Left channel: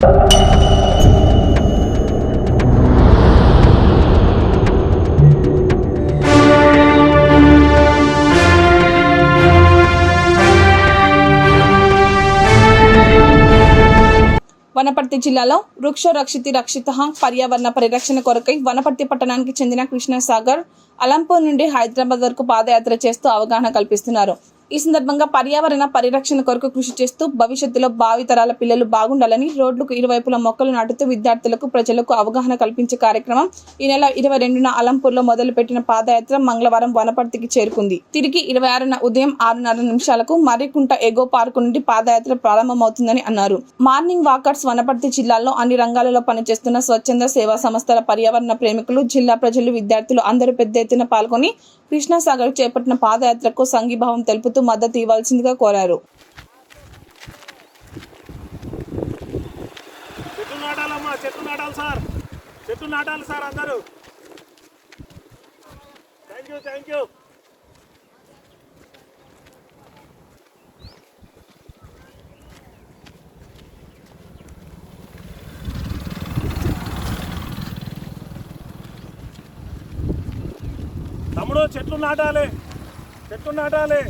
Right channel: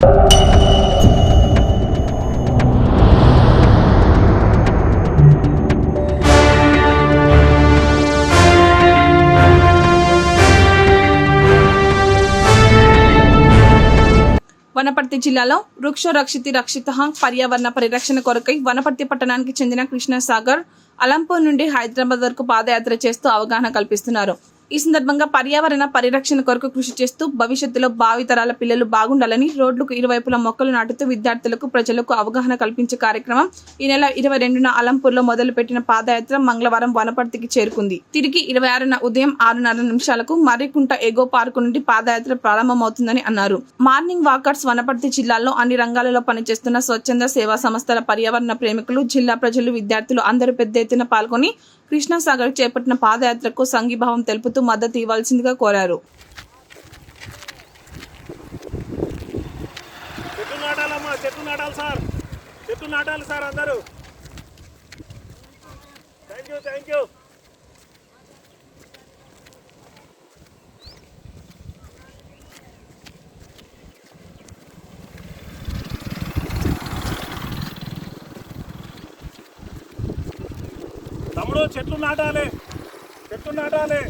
వనపర్తి జిల్లాలో వృక్ష రక్షితి రక్షిత పర్యావరణ పరిరక్షణ కొరకై వనపర్తి పట్టణానికి చెందిన కృష్ణసాగర్ అలంపూర్ నుండి హైదరాబాద్ వరకు పాదయాత్ర చేస్తూ అవగాహన కల్పిస్తున్నారు. ఈ సందర్భంగా పర్యావరణ పరిరక్షణ కొరకు కృషి చేస్తూ భవిష్యత్తులో భావితరాల పిల్లలు బాగుండాలని రోడ్లకు ఇరువైపులా మొక్కలు నాటుతూ విద్యార్థులకు ప్రజలకు అవగాహన కల్పించే కార్యక్రమం ఈ నెల ఇరవై రెండున అలంపూర్లో మొదలుపెట్టిన పాదయాత్ర మంగళవారం వనపర్తికి చేరుకుంది. తిరిగి ఇరవై ఆరున ఉదయం ఆరున్నర నిమిషాలకు మర్రికుంట ఎగో పార్కు నుండి పాదయాత్ర ప్రారంభమవుతుందని అన్నారు. మార్నింగ్ వాకర్స్ వనపర్తి జిల్లాలో అన్ని రంగాలలో పనిచేస్తున్న స్వచ్ఛంద సేవా సంస్థల పర్యావరణ ప్రేమికులు జిల్లా ప్రజలు విద్యార్థులు అందరూ పెద్ద ఎత్తున పాల్గొని కృష్ణాసాగర్ చేపట్టిన పాదయాత్రకు సంఘీభావం తెలుపుతూ మద్దతు ఇవ్వాల్సిందిగా కోరారు. చెట్టు నాటాలి సార్. చెట్టు నాటాలి సార్ అందరూ. థ్యాంక్ యూ థ్యాంక్ యూ తమ్ముడు చెట్లు నాటాలి. చెట్లు నాటాలి.